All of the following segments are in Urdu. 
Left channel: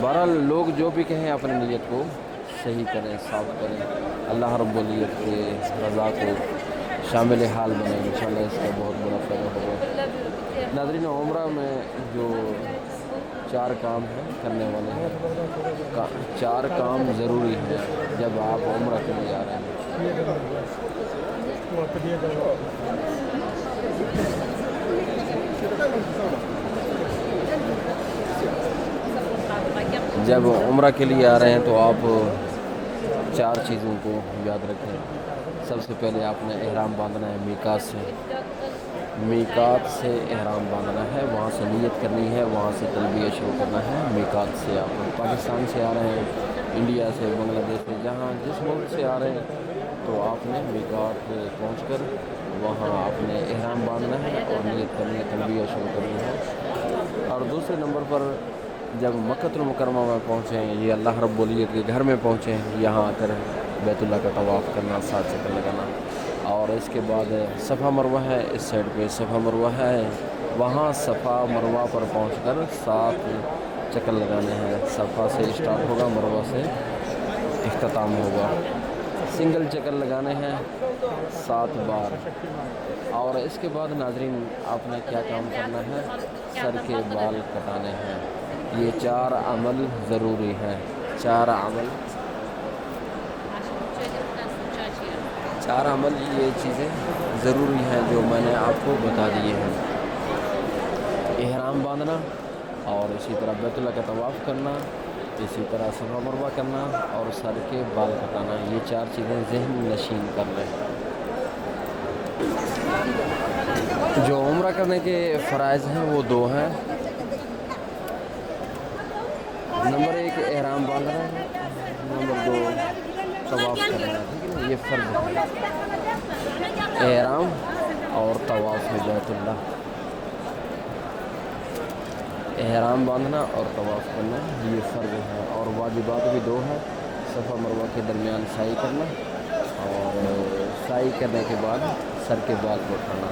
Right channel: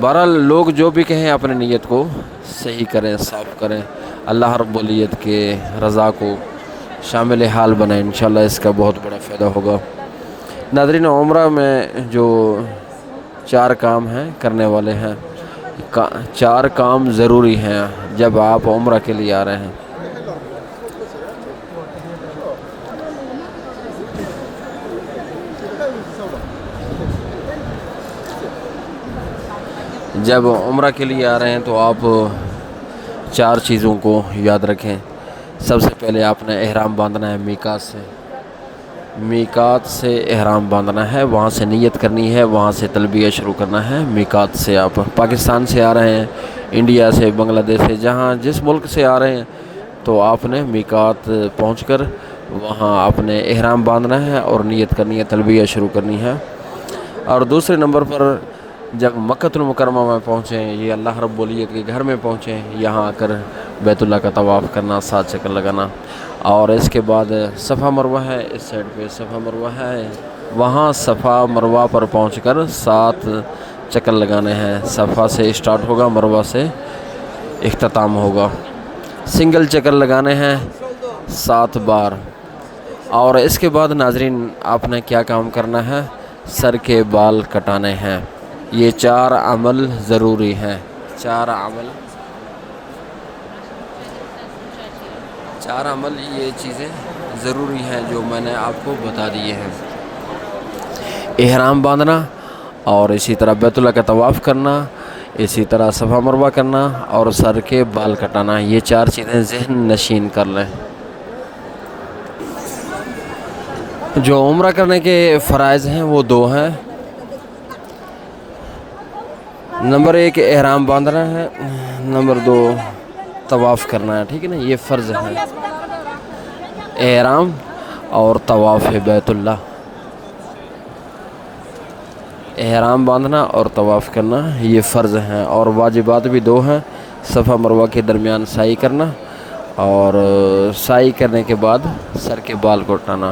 بہرحال لوگ جو بھی کہیں اپنے نیت کو صحیح کریں، صاف کریں، اللہ رب العزت کے رضا کو شامل حال بنائیں، انشاءاللہ اس کا بہت بڑا فائدہ ہوگا۔ ناظرین، عمرہ میں جو 4 کام ہیں کرنے والے ہیں، 4 کام ضروری ہیں جب آپ عمرہ کے لیے آ رہے ہیں۔ جب عمرہ کے لیے آ رہے ہیں تو آپ 4 چیزوں کو یاد رکھیں۔ سب سے پہلے آپ نے احرام باندھنا ہے میقات سے احرام باندھنا ہے، وہاں سے نیت کرنی ہے، وہاں سے تلبیہ شروع کرنا ہے۔ میقات سے آپ پاکستان سے آ رہے ہیں، انڈیا سے، بنگلہ دیش سے، جہاں جس ملک سے آ رہے ہیں تو آپ نے میقات پہنچ کر وہاں آپ نے احرام باندھنا ہے اور نیت کرنی ہے، تلبیہ شروع کرنی ہے۔ اور دوسرے نمبر پر جب مکہ المکرمہ میں پہنچیں، یہ اللہ رب العزت کے گھر میں پہنچیں، یہاں آ کر بیت اللہ کا طواف کرنا، 7 چکر لگانا، اور اس کے بعد صفا مروہ ہے، اس سائڈ پہ صفا مروہ ہے، وہاں صفا مروہ پر پہنچ کر 7 چکر لگانے ہیں۔ صفا سے اسٹارٹ ہوگا، مروہ سے اختتام ہوگا۔ سنگل چکر لگانے ہیں 7 بار۔ اور اس کے بعد ناظرین آپ نے کیا کام کرنا ہے؟ سر کے بال کٹانے ہیں۔ یہ 4 عمل ضروری ہیں، 4 عمل یہ چیزیں ضروری ہیں جو میں نے آپ کو بتا دیے ہیں۔ احرام باندھنا، اور اسی طرح بیت اللہ کا طواف کرنا، اسی طرح صفا مروہ کرنا، اور سر کے بال کٹانا۔ یہ 4 چیزیں ذہن نشین کر لیں۔ جو عمرہ کرنے کے فرائض ہیں وہ 2 ہیں۔ نمبر 1 احرام باندھنا ہے، نمبر 2 طواف کرنا ہے، ٹھیک ہے نا؟ یہ فرض ہے، احرام اور طواف بیت اللہ۔ احرام باندھنا اور طواف کرنا یہ فرض ہیں، اور واجبات بھی 2 ہیں۔ صفا مروہ کے درمیان سعی کرنا، اور سعی کرنے کے بعد سر کے بال کو اٹھانا،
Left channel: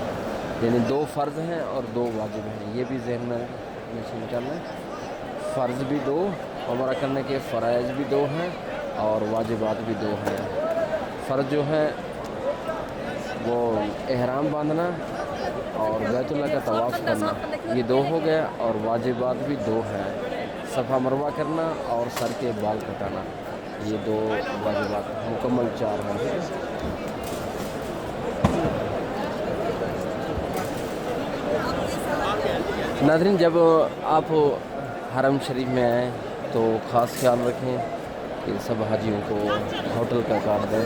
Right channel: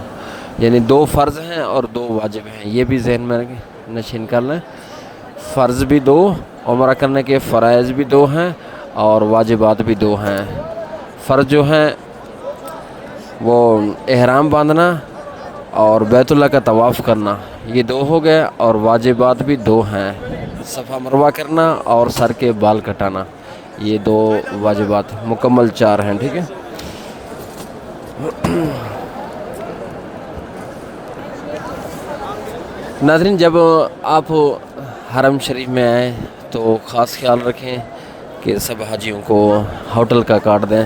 یعنی 2 فرض ہیں اور 2 واجب ہیں، یہ بھی ذہن میں نشین کر لیں۔ فرض بھی 2، عمرہ کرنے کے فرائض بھی 2 ہیں، اور واجبات بھی 2 ہیں۔ فرض جو ہیں وہ احرام باندھنا اور بیت اللہ کا طواف کرنا، یہ 2 ہو گئے، اور واجبات بھی 2 ہیں، صفا مروہ کرنا اور سر کے بال کٹانا، یہ 2 واجبات، مکمل 4 ہیں، ٹھیک ہے؟ ناظرین، جب آپ حرم شریف میں آئیں تو خاص خیال رکھیں کہ سب حاجیوں کو ہوٹل کا کارڈ دیں،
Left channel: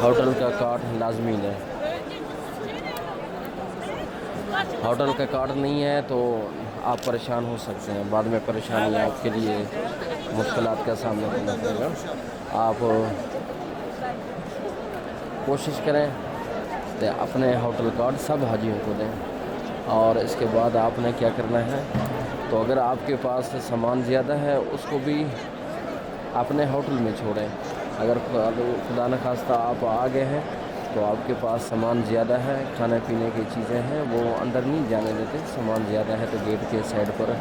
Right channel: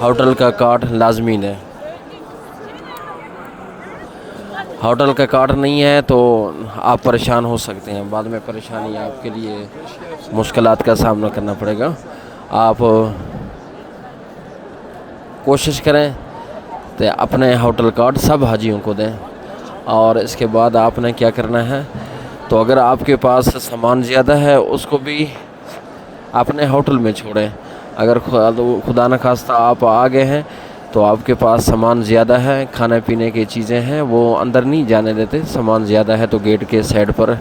ہوٹل کا کارڈ لازمی دیں۔ ہوٹل کا کارڈ نہیں ہے تو آپ پریشان ہو سکتے ہیں، بعد میں پریشانی آپ کے لیے مشکلات کا سامنا کرنا پڑے گا۔ آپ کوشش کریں کہ اپنے ہوٹل کارڈ سب حاجیوں کو دیں۔ اور اس کے بعد آپ نے کیا کرنا ہے، تو اگر آپ کے پاس سامان زیادہ ہے اس کو بھی اپنے ہوٹل میں چھوڑیں۔ اگر خدا نخواستہ آپ آ گئے ہیں تو آپ کے پاس سامان زیادہ ہے، کھانے پینے کی چیزیں ہیں، وہ اندر نہیں جانے دیتے، سامان زیادہ ہے تو گیٹ کے سائڈ پر،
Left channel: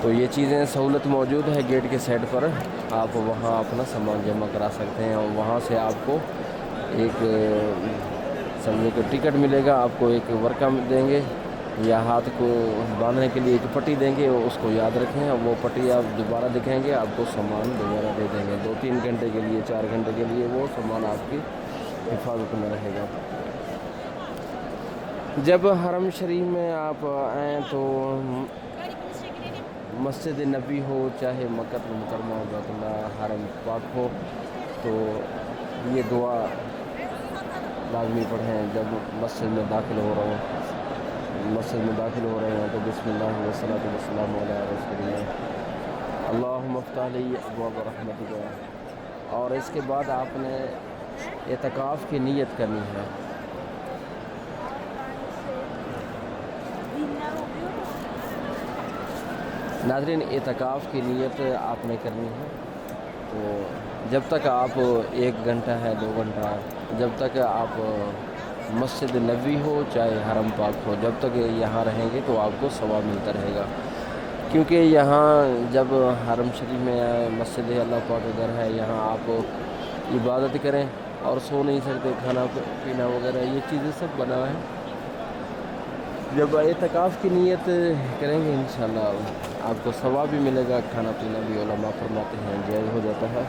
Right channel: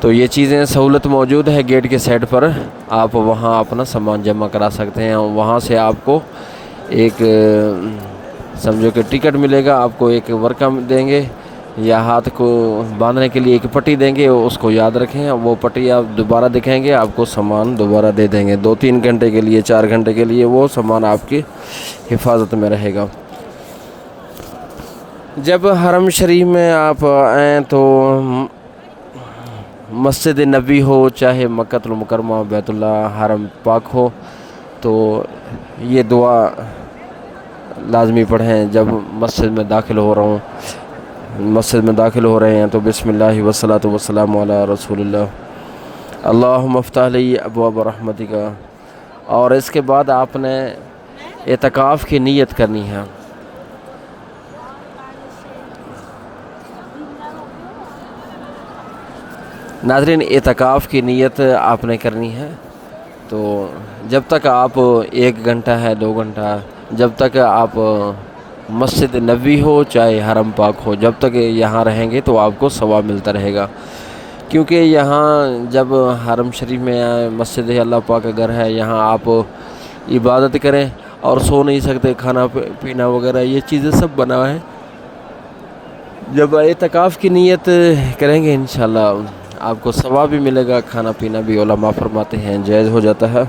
تو یہ چیزیں سہولت موجود ہے گیٹ کے سائڈ پر، آپ وہاں اپنا سامان جمع کرا سکتے ہیں۔ وہاں سے آپ کو ایک سمجھو کہ ٹکٹ ملے گا، آپ کو ایک ورقہ دیں گے یا ہاتھ کو باندھنے کے لیے ایک پٹی دیں گے، اس کو یاد رکھیں، وہ پٹی آپ دوبارہ دکھائیں گے، آپ کو سامان دوبارہ دے دیں گے، 2-3 گھنٹے کے لیے، 4 گھنٹے کے لیے وہ سامان آپ کی حفاظت میں رہے گا۔ جب حرم شریف میں آپ آئیں تو مسجد نبی ہو، چاہے مکہ المکرمہ، بیت اللہ، حرم پاک ہو، تو یہ دعا لازمی پڑھیں۔ جب مسجد میں داخل ہو رہے ہیں تو بسم اللہ والصلاۃ والسلام علی رسول اللہ، اللہم افتح لی ابواب رحمتک۔ اور اس کے بعد آپ نے اعتکاف کی نیت کرنی ہے۔ ناظرین، اعتکاف کی نیت آپ نے کرنی ہے، تو جب تک آپ 1 گھنٹہ ہے، 2 گھنٹہ، جب تک آپ مسجد نبوی ہو چاہے حرم پاک ہو، جب تک یہاں رہیں گے تو آپ کو ثواب ملتا رہے گا، کیونکہ یہاں جب حرم شریف میں آئے، مسجد اللہ پاک کا گھر ہے، یہاں آپ عبادت کریں اور سو نہیں سکتے، کھانا پینا وغیرہ یہ چیزیں سب بنا ہے۔ جب اعتکاف کی نیت کریں گے انشاءاللہ آپ کو ثواب بھی ملے گا، کھانا پینا بھی علماء فرماتے ہیں جائز ہو جاتا ہے۔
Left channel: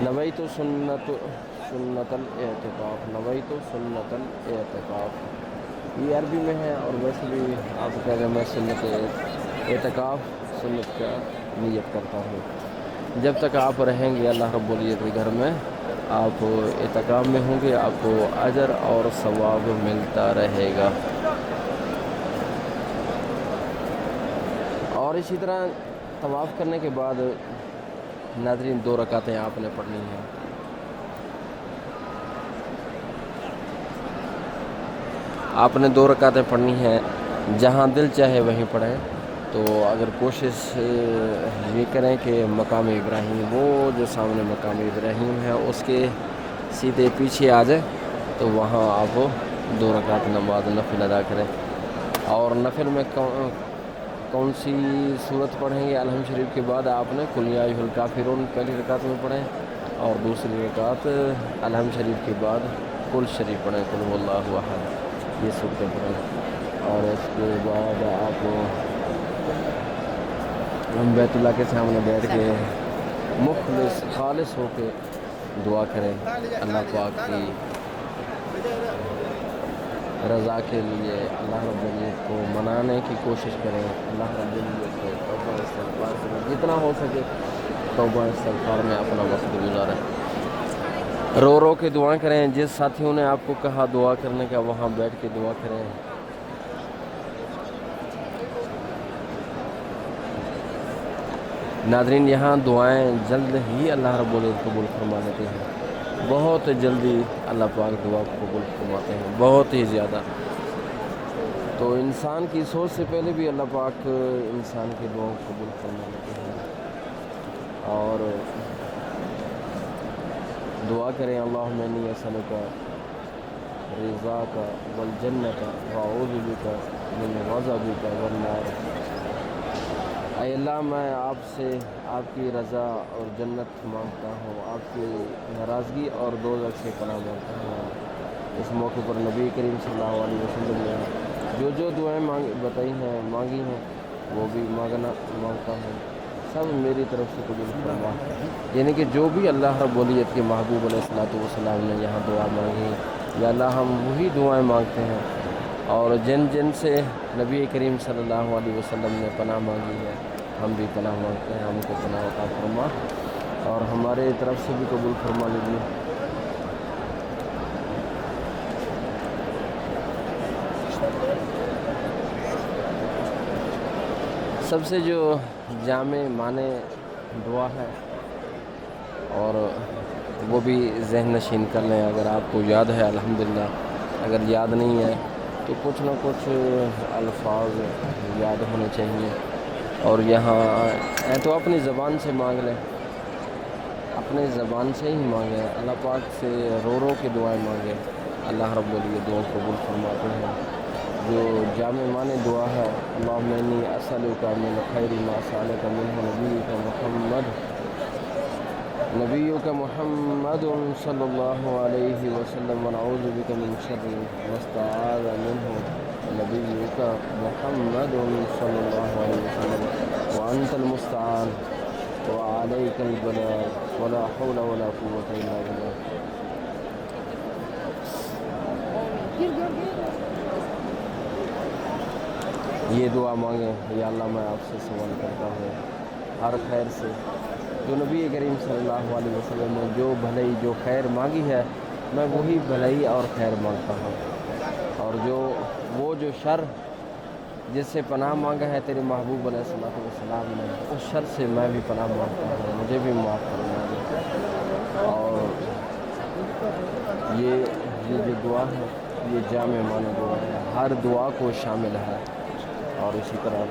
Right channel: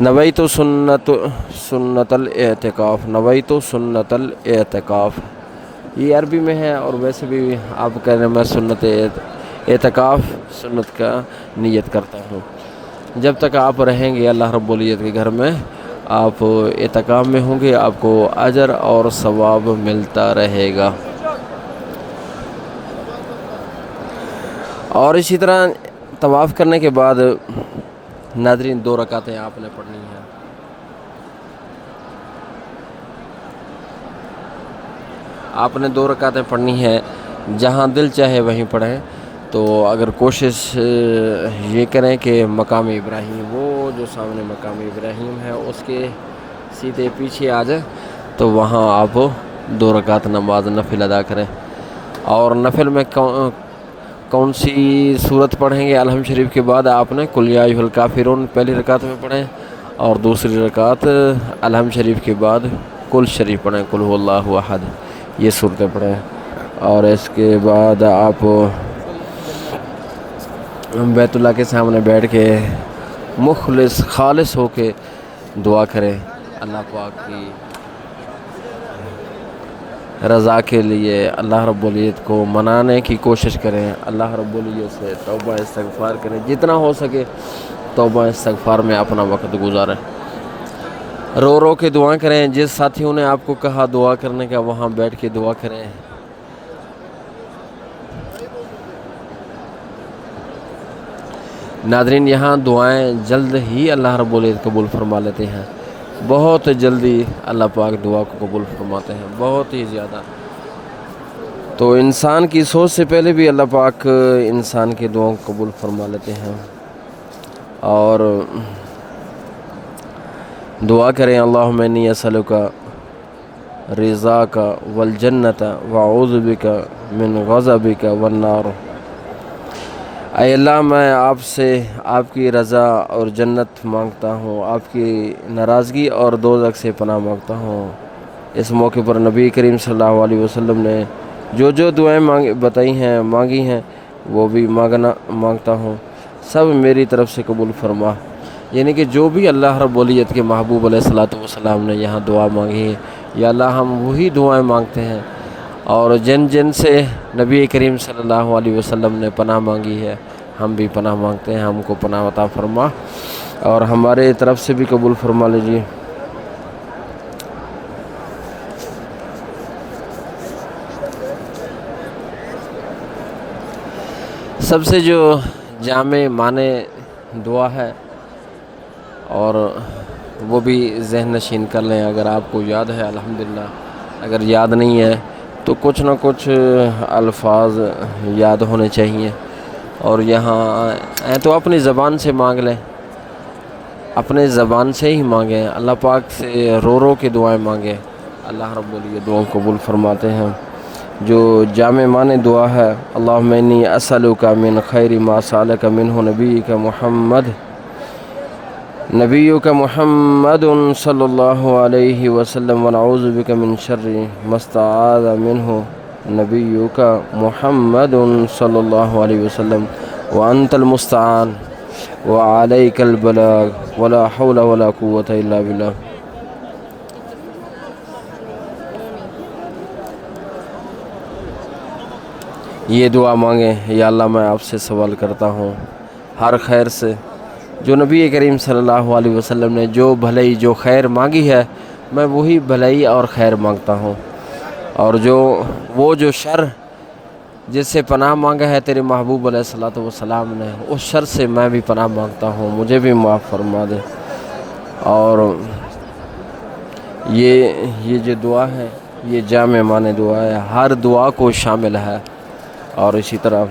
نویت سنت الاعتکاف، نویت سنت الاعتکاف، یہ عربی میں ہے، اور ویسے بھی آپ کہہ رہے ہیں میں سنت اعتکاف سنت کا نیت کرتا ہوں۔ جب تک آپ رہیں گے اللہ رب العزت کے گھر میں، آپ اعتکاف میں ہوں گے، آپ کو اجر اور ثواب ملتا رہے گا۔ اور اسی طرح طواف کرنے کے بعد ناظرین 2 رکعتیں آپ نے پڑھنی ہیں۔ آپ نے 2 رکعتیں پڑھنی ہیں، جہاں دل چاہے وہیں پڑھیں۔ تو اگر کوشش یہ کریں کہ مقام ابراہیم، وہ جو سامنے مقام ابراہیم ہے اس کے سیدھے پیچھے آ جائیں، تو وہاں آپ 2 رکعت نماز نفل ادا کریں۔ اور نفل میں کون سی صورت پڑھیں گے؟ الحمد شریف کے بعد آپ نے قل یا ایھا الکافرون پہلی رکعت میں پڑھیں، اور دوسری رکعت الحمد شریف کے بعد قل شریف پڑھیں، قل هو اللہ احد، یہ صورتیں پڑھیں۔ اور اس کے بعد آپ بیت اللہ کے سامنے بیٹھ کے مخلص خالص ہو کے دعا کریں، اللہ پاک کی رضا کے لیے اللہ رب العزت کو منانے کی کوشش کریں، اللہ رب العزت سے توبہ استغفار کریں، جتنا ہو سکے توبہ استغفار میں اپنا وقت گزاریں، رو رو کے دعا کریں۔ جس ساتھیوں نے آپ کو کہا دعا کرنے کا وہاں بیٹھ کے دعا کریں۔ ناظرین یہاں دعائیں جلد ہی اللہ رب العزت قبول فرما لیتے ہیں، بہت جلدی اللہ پاک دعا کو قبول فرماتے ہیں، بہت ہی زیادہ۔ تو انسان کی سوچ سے پہلے بھی اللہ پاک انسان کی دعاؤں کو قبول فرما لیتے ہیں۔ اور دعا کریں اللہم انی اسألک رضاک والجنت واعوذ بک من غضبک والنار۔ اے اللہ میں آپ سے آپ کی رضا اور جنت مانگتا ہوں، آپ کی ناراضگی اور دوزخ سے پناہ مانگتا ہوں۔ اس موقع پر نبی کریم صلی اللہ علیہ وسلم نے جو دعائیں بتائی ہیں، مانگی ہیں، وہ بھی مانگتا ہوں، سب میری طرف سے قبول فرما۔ یعنی کہ جو بھی اللہ رب العزت کے محبوب علیہ الصلوۃ والسلام نے یہاں دعا مانگی ہے، یا اللہ ہم وہی دعائیں مانگتے ہیں، اور جن سے نبی کریم صلی اللہ علیہ وسلم نے پناہ مانگی ہے، ہم بھی پناہ مانگتے ہیں، ہم کو پناہ عطا فرما اور ہمارے طرف سے بھی قبول فرما لیجیے۔ سب سے جو جامع معنی دعا ہے، اور وہ بھی ذہن نشین کر لیں، اگر آپ کو یاد ہے الحمدللہ، اگر یاد نہیں ہے تو کچھ نہ کچھ الفاظ یاد ہونے چاہیے، اور یہاں تو اپنی زبان سے مانگ لیں، اپنے زبان سے ہی مانگیں، اللہ پاک سے رو رو کے دعائیں مانگیں، اللہ رب العزت دعاؤں قبول فرماتے ہیں۔ جو جامع معنی دعا ہے، اللہم انی اسألک من خیر ما سألک منہ نبیک محمد صلی اللہ علیہ وسلم، ونعوذ بک من شر ما استعاذ منہ نبیک محمد صلی اللہ علیہ وسلم، وانت المستعان وعلیک البلاغ ولا حول ولا قوة الا باللہ۔ یہ دعا مانگیں، یا اللہ میں آپ سے سوال کرتا ہوں ہر خیر سے، جو نبی کریم صلی اللہ علیہ وسلم نے جو بھلائی جو خیر مانگی ہے، میں وہی بھلائی اور خیر مانگتا ہوں، اور جو شر جس سے پناہ مانگا ہے تیرے محبوب علیہ الصلوۃ والسلام نے، اس شر سے میں بھی پناہ مانگتا ہوں، مجھے بھی معاف فرما دے۔ اور یہ جو دعا ہے یہ جامع معنی دعا ہے، ہر دعا کو شامل ہے۔ اور اسی طرح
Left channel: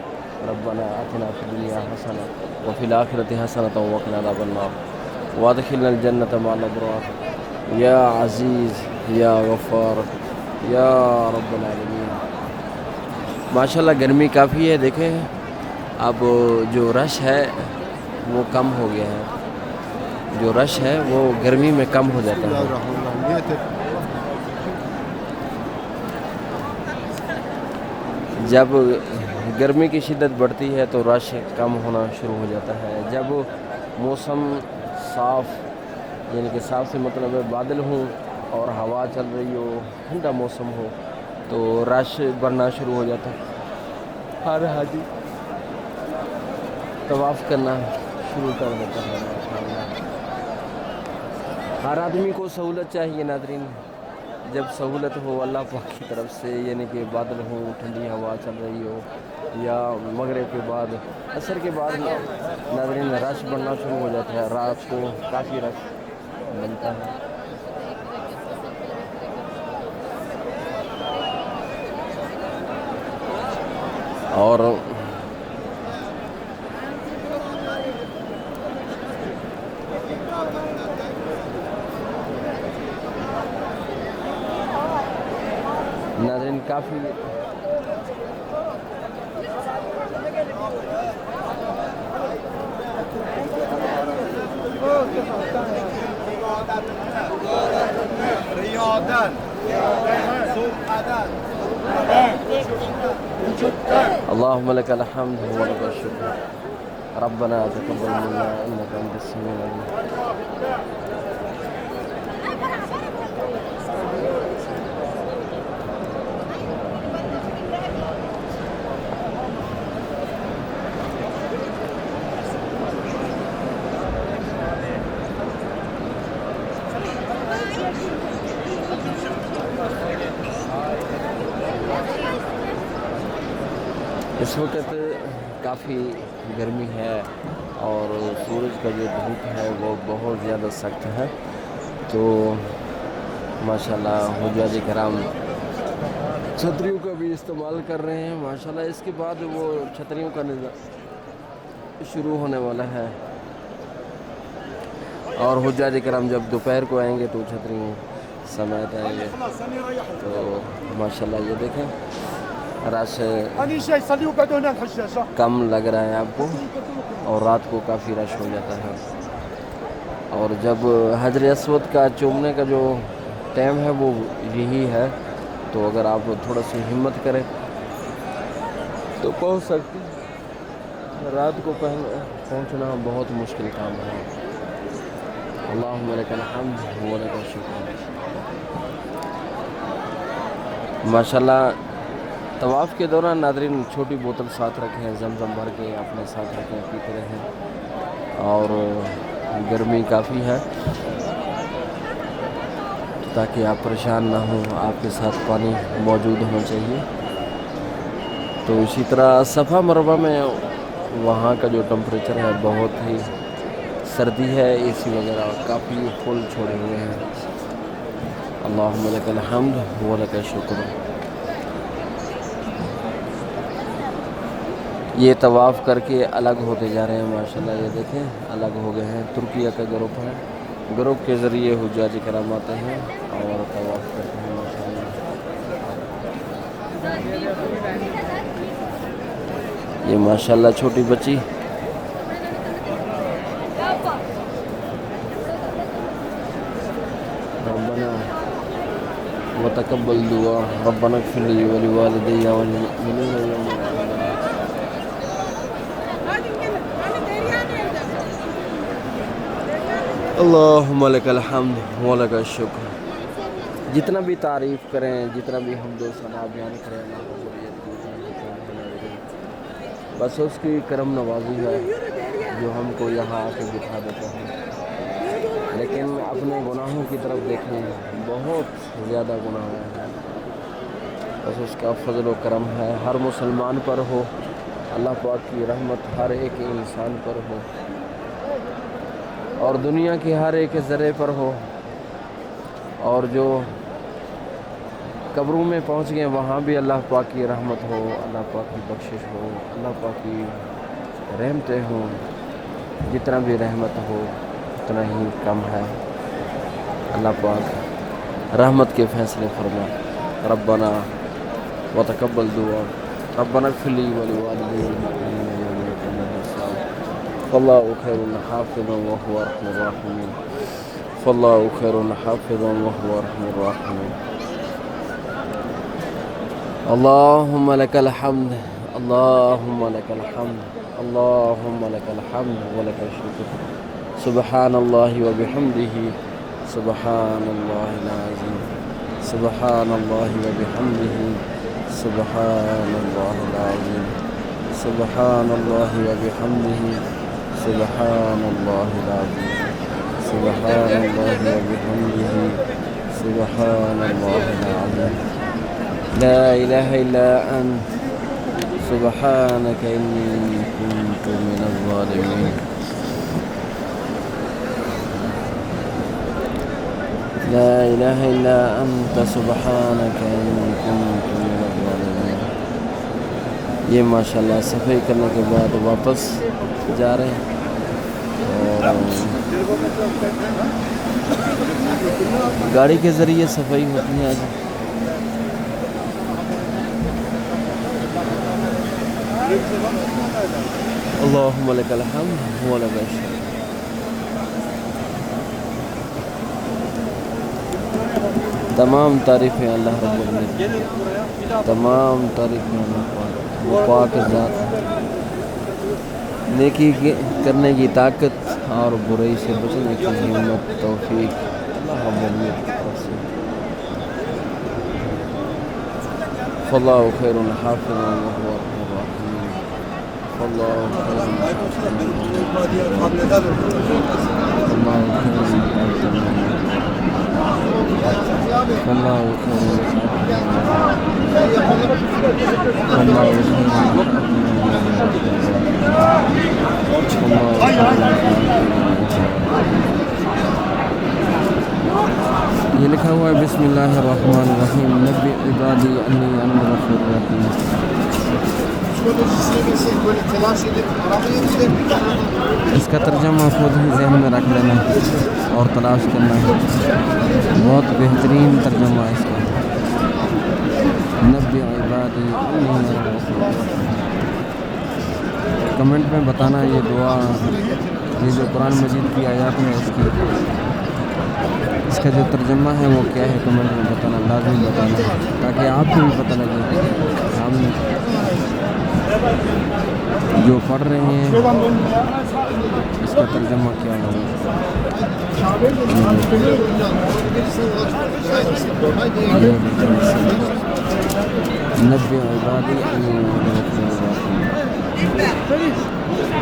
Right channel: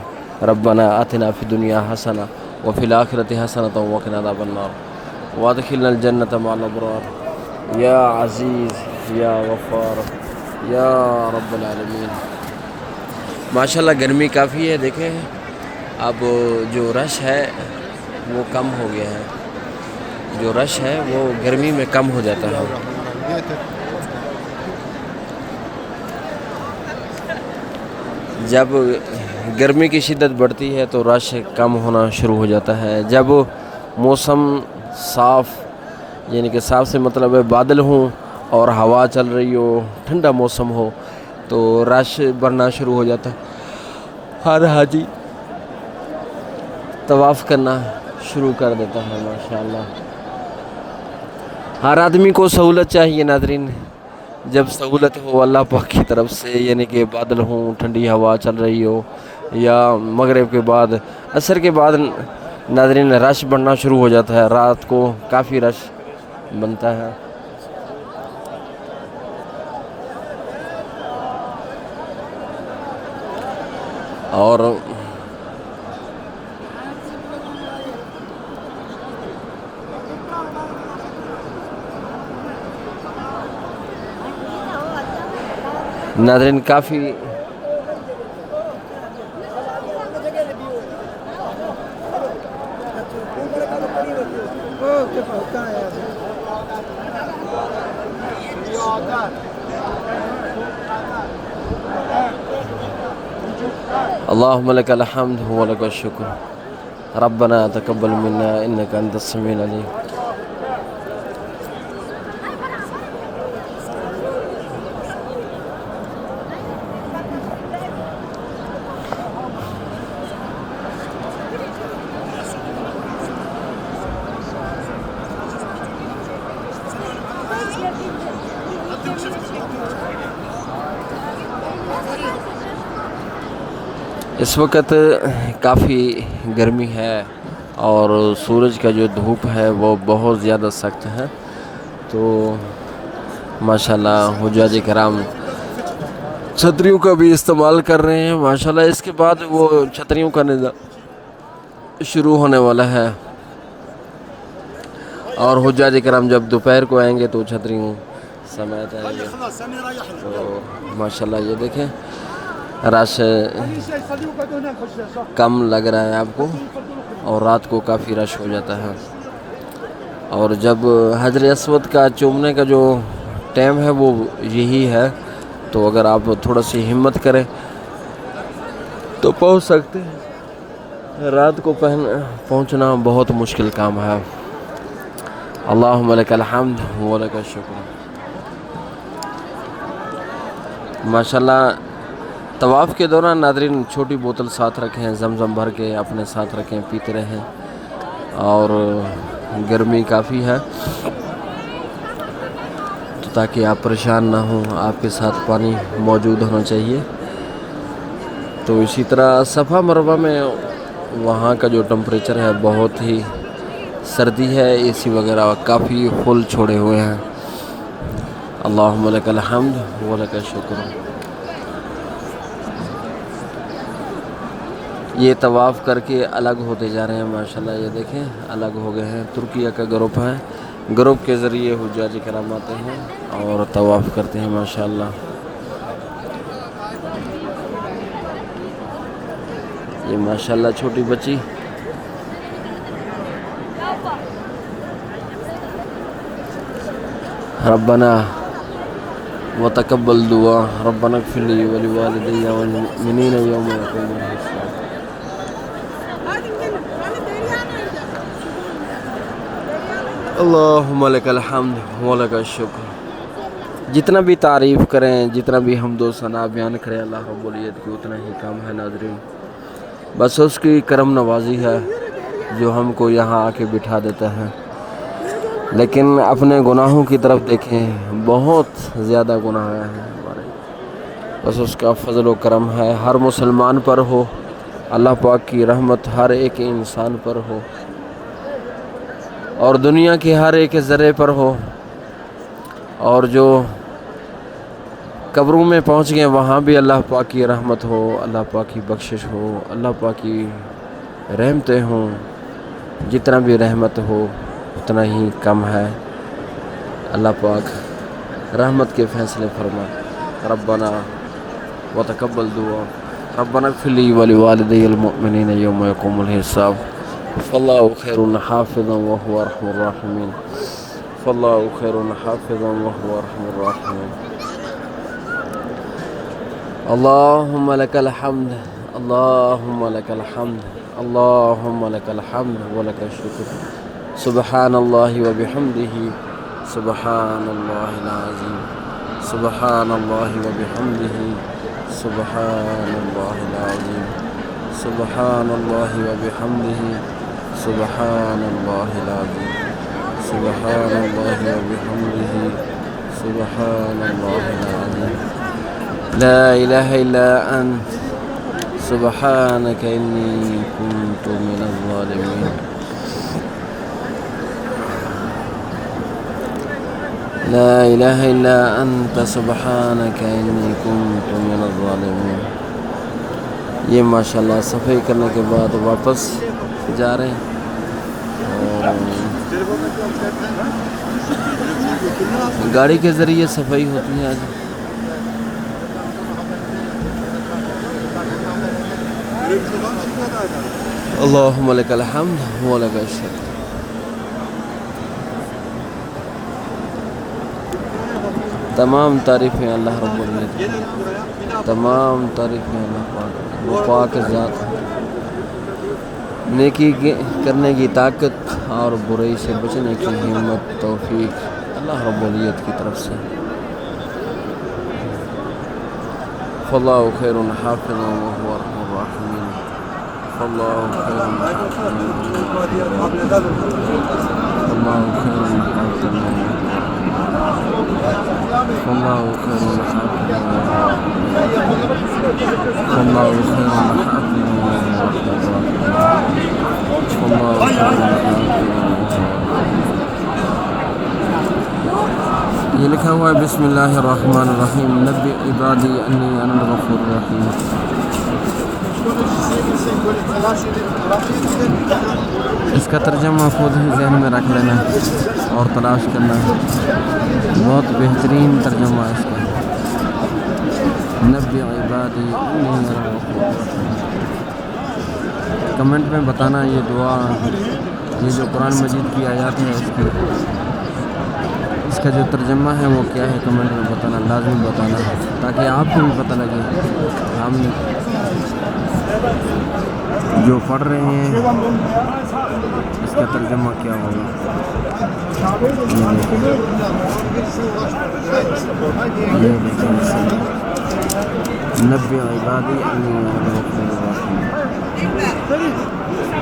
ربنا آتنا فی الدنیا حسنہ وفی الآخرۃ حسنۃ وقنا عذاب النار وادخلنا الجنۃ مع الابرار یا عزیز یا غفار یا رب العالمین۔ ماشاءاللہ گرمی کافی ہے، دیکھیں اب جو رش ہے وہ کم ہو گیا ہے، جو رش ہے وہ گرمی میں کم ہو جاتا ہے۔ جب گرمی کی شدت بڑھتی ہے تو رش کم ہونا شروع ہو جاتا ہے۔ جب موسم صاف، یعنی کہ صاف سے مطلب ہے بادل ہوں اور ہوا چل رہی ہو، ٹھنڈا موسم ہو، تو رش بڑھنا شروع ہو جاتا ہے۔ ہر حاجی طواف کرنا شروع کر دیتا ہے ماشاءاللہ۔ ہر آدمی کو سہولت چاہیے ناظرین، جب سہولت ہو اللہ پاک کی طرف سے، یعنی کہ بادل ہوں، ٹھنڈی ہوا چل رہی ہو، یا مغرب کے بعد، عصر کے بعد ناظرین رش بڑھنا شروع ہو جاتا ہے، رات کو کافی رش بنتا ہے۔ اور ناظرین کافی اللہم لک الحمد ولک الشکر ربنا تقبل منا انک انت السمیع العلیم۔ اس وقت کافی گرمی ہے اور سورج کا جو دھوپ ہے وہ بہت زیادہ سخت ہے، تو ماشاءاللہ حجاج کرام چھتریوں کا بھی استعمال کر رہے ہیں ماشاءاللہ۔ اس کے بعد وہ چھتریوں کا نظام شروع ہونے والا ہے، اور حجاج کرام جب دوپہر کو آئیں گے تو چھتریوں سمیت آئیں گے۔ تو ماشاءاللہ یہ دیکھیں رش کم لگ رہا ہے آپ کو، اور رات کو کافی رش ہو جاتا ہے۔ اور جب حجر اسود کا چومنے کا جو ٹائم ہے وہ یہی ہے، تو اگر آپ تھوڑا سی ہمت کریں تو پہنچ سکتے ہیں۔ رات کو پہنچنا بہت مشکل کام ہے۔ اللہم لک الحمد ولک الشکر۔ ماشاءاللہ طواف کے دوران ناظرین چھوٹی بوتل ساتھ رکھیں، زمزم بھر کے اپنے ساتھ رکھیں، پیتے رہیں، اور گرمی کافی ہے تو تاکہ آپ پریشان نہ ہوں، آپ کے ساتھ پانی موجود ہونا چاہیے۔ تو اسی طرح صفا مروہ میں وہاں کا جو ٹمپریچر ہے بہت ہی سردی ہے، اے سی وغیرہ کافی فل چھوڑے ہوئے ہیں۔ اللہم لک الحمد ولک الشکر۔ یہ طواف کر کے الگ ہوتے جا رہے ہیں ماشاءاللہ، یہ دیکھیں الگ ہو گئے ہیں۔ ترکیہ کا گروپ ہے، گروپ کے ذریعے حجاج کرام آتے ہیں اور طواف کرتے ہیں ماشاءاللہ۔ یہ ماشاءاللہ چھوٹی بچی ربنا وتقبل دعا ربنا اغفر لي ولوالدي والمؤمنين يوم يقوم الحساب۔ اللہم لک الحمد ولک الشکر۔ جتنا بھی تعریف کریں، جتنا بھی حمد و ثنا بیان کریں اللہ رب العزت کی، اتنا ہی کم ہے ناظرین۔ بس اس کی کرم نوازی ہے جو ہم کو یہاں آ کے بٹھا دیتا ہے، لیکن اپنے گناہوں کی طرف دیکھیں، بہت زیادہ گناہ ہیں ہمارے۔ بس اس کا فضل و کرم ہے، ہر مسلمان پر ہو، اللہ پاک کی رحمت ہر ایک انسان پر ہو، اور دنیا کے ہر ایک ذرے پر ہو، اور جو قبروں میں پہنچ گئے وہاں بھی اللہ پاک کی رحمت ہو، اللہ پاک کی بخشش ہو، اللہ پاک کی رحمتیں ہوں۔ جتنا بھی رحمت ہو اتنا ہی کم ہے، اللہ پاک رحمت کے فیصلے فرما۔ ربنا وتقبل دعا ربنا اغفر لي ولوالدي المؤمنين يوم يقوم الحساب فالله خير حافظا وهو أرحم الراحمين فالله خير حافظا وهو أرحم الراحمين اللهم لك الحمد اللهم لك الحمد اللهم لك الحمد ولك الشكر سبحان الله وبحمده سبحان الله العظيم سبحان الله وبحمده سبحان الله العظيم سبحان الله وبحمده سبحان الله العظيم سبحان الله وبحمده سبحان الله العظيم لا إله إلا أنت سبحانك إني كنت من الظالمين لا إله إلا أنت سبحانك إني كنت من الظالمين یہ ماشاءاللہ صفائی کرنے کے بعد واپس جا رہے ہیں اور گاڑی کے ذریعے صفائی ہوتی ہے آج اللہم لک الحمد ولک الشکر تمام تعریفیں اللہ رب العزت کی تمام تعریفیں اللہ پاک وہ پاک ذات نیکی کرنے کی طاقت اور برائی سے بچنے کی ہمت توفیق اللہ رب العزت کی طرف سے فاللہ خیر حافظا وهو ارحم الراحمین فاللہ خیر حافظا فاللہ خیر حافظا فاللہ خیر حافظا فاللہ خیر یہ لکھا ہوا ہے بسم اللہ الرحمن الرحیم نبی عبادی انی انا الغفور الرحیم اس کا ترجمہ خود ہی ذہن میں رکھ لینا اور تلاش کرنا بہت بہترین ترجمہ ہے اس کا نبی عبادی انی انا الغفور الرحیم کمنٹ میں بتانا یہ دعا یہ جو قرآن مجید کی آیات ہے اس کا جو ترجمہ ہے وہ کیا ہے کمنٹ میں بتانا لازمی بتانا تاکہ آپ کو بھی پتہ لگے ہم جو پڑھ رہے ہیں اس کا ترجمہ کیا ہوگا یہ دیکھیں نبی عبادی انی انا الغفور الرحیم